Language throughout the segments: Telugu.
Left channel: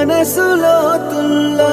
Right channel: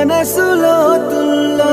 మనసులో తుల్లా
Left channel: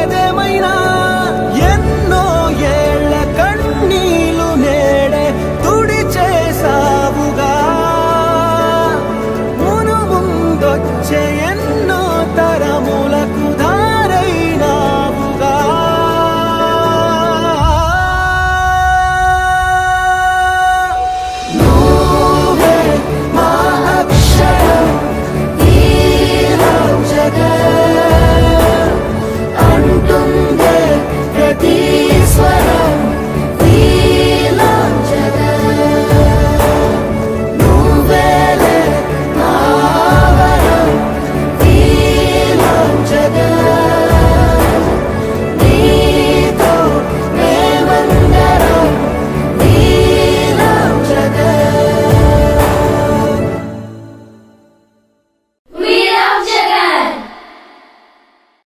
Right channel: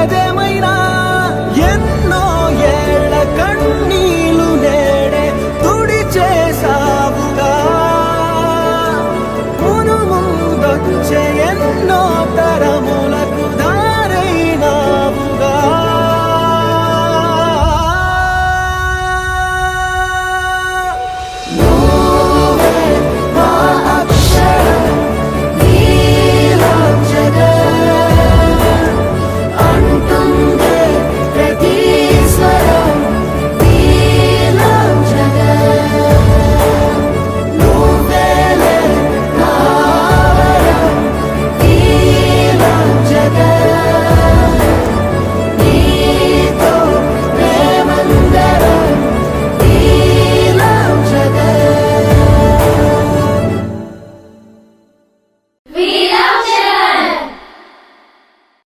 ఏదేమైనా ఎన్నో ఎ